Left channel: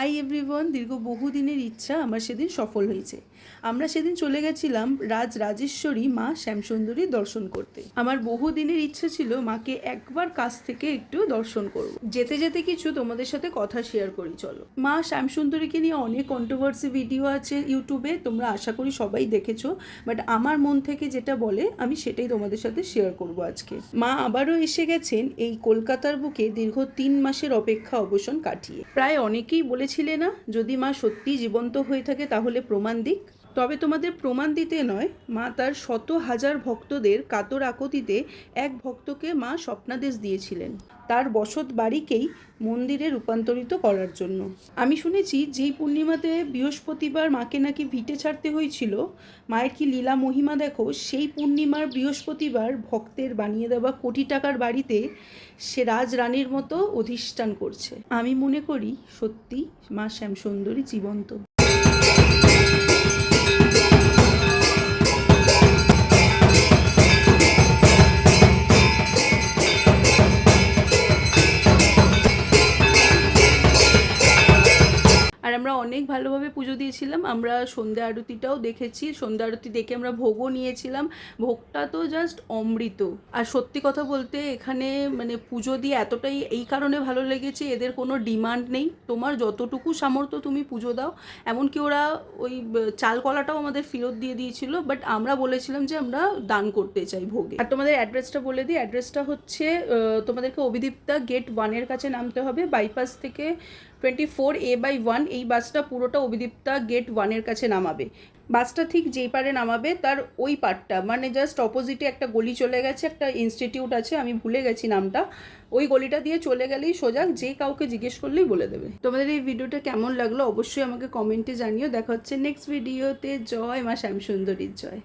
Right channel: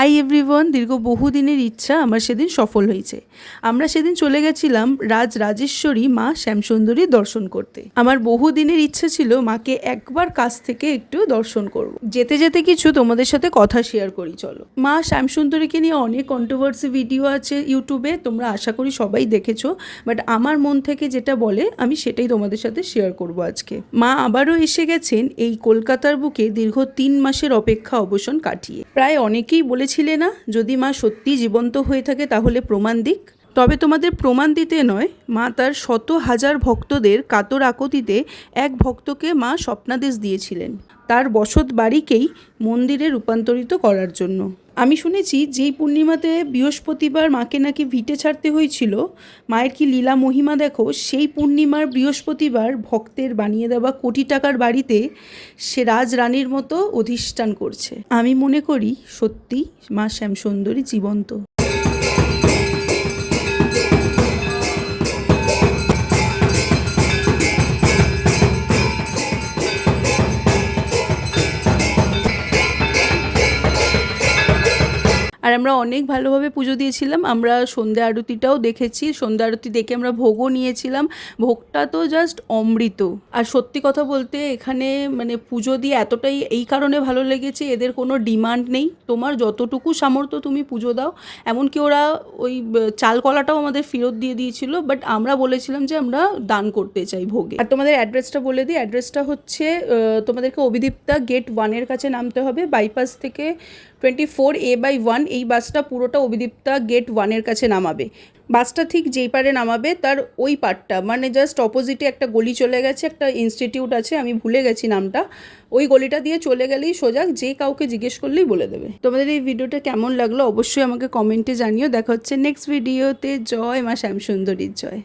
Hi everyone, দীর্ঘ বহুদিনের ইচ্ছা আমার সেদিন সফল হয়েছে। আমরা সেদিন চলে গেছিলাম রাজরাজেশ্বরী মা শ্যামসুন্দরী দর্শন করতে। আমার বহুদিনের ইচ্ছা ছিল মাকে একবার কাছ থেকে একটু দর্শন করব। যেতে যেতে কিছু তোমাদের সাথে কথা শেয়ার করি, চলো। মা শ্যামসুন্দরীকে নিয়ে অনেক কন্ট্রোভার্সি ভিডিও আছে ইউটিউবে, তোমরা আশা করি সবাই দেখেছো, বাট আমার মন থেকে যেটা বলে আমি সেটাই তোমাদের সাথে শেয়ার করব আজকে। মা আবারও এসে গেছেন এই কলকাতার বুকে দীর্ঘ 3 মাসের অপেক্ষা অবসান কাটিয়ে। প্রায় অনেকেই বলেছিলে না, যদি মা সত্যি জীবন্ত হয়ে থাকে তাহলে প্রমাণ দিক। তবে তোমাদের প্রমাণ দিতে নয়, মা তার শত হাজার ভক্তদের কাতর আকুতিতে এক ভক্তকে মা স্বপ্নাদেশ দিয়েছিলেন তার বসত বাড়িকেই মন্দিরে রূপান্তরিত করার জন্য। আমি শুনেছি যেই পূর্ণিমাতে বৃহস্পতিবার মাকে নাকি ভিটে ছাড়তে হয়েছিল, মায়ের কি লীলা মহিমা দেখো, সেই পূর্ণিমার বৃহস্পতিবার ভক্তের বানিয়ে দেওয়া কোটি টাকার বাড়িতে সে রাজরানীর মতো অধিষ্ঠান করছে। আমি মনে করি সত্যি মা শ্যামসুন্দরী জীবন্ত। আর আমরা অনেক ভালোভাবে পুজো দিয়েছিলাম। আমরা সন্ধ্যা আরতিটাও দেখেছি, সন্ধ্যা আরতি দেখে আমরা ভোগও নিয়েছিলাম। ভোগটা তো জাস্ট অমৃত। আর সত্যি কথা বলতে এখানে মানে পুজো দিয়ে এতটাই এই কারণে ভালো লেগেছে, এদের কোনো ডিমান্ড নেই, তোমার যতটুকু সামর্থ্য তুমি পুজো দাও। এমনকি ওরা ওই চাল কলাটাও আমাদের ফেরত দিয়ে দিয়েছিল, বাট আমরা বলেছিলাম যে আমরা দান করতে চাই ভোগে। আর তোমাদের অ্যাড্রেসটা বলে দিই, অ্যাড্রেসটা হচ্ছে তোমাদেরকে অভিদীপ্তা গেট 1-এর কাছে নামতে হবে। বাইপাস থেকে 24A/1 এই বাসটা পুরোটা অভিদীপ্তা গেট 1-এর কাছে নামাবে। বাসটা ঠিক যেই পারে নামাবে তার ওই পার্টটা মানে জাস্ট অপোজিটে একটা গলি চলে গেছে, একটা ইনস্টিটিউট আছে, আমি ভুলে গেছি নামটা। ওই গলিটা দিয়ে চলে গেলেই সোজা, যে কাউকে জিজ্ঞেস করলেই বলে দেবে। তোমাদের এই ভিডিওটা কেমন লাগলো অবশ্যই আমাকে কমেন্টে জানিও। দেখা হচ্ছে নেক্সট ভিডিওতে। জয় মা শ্যামসুন্দরীর জয়।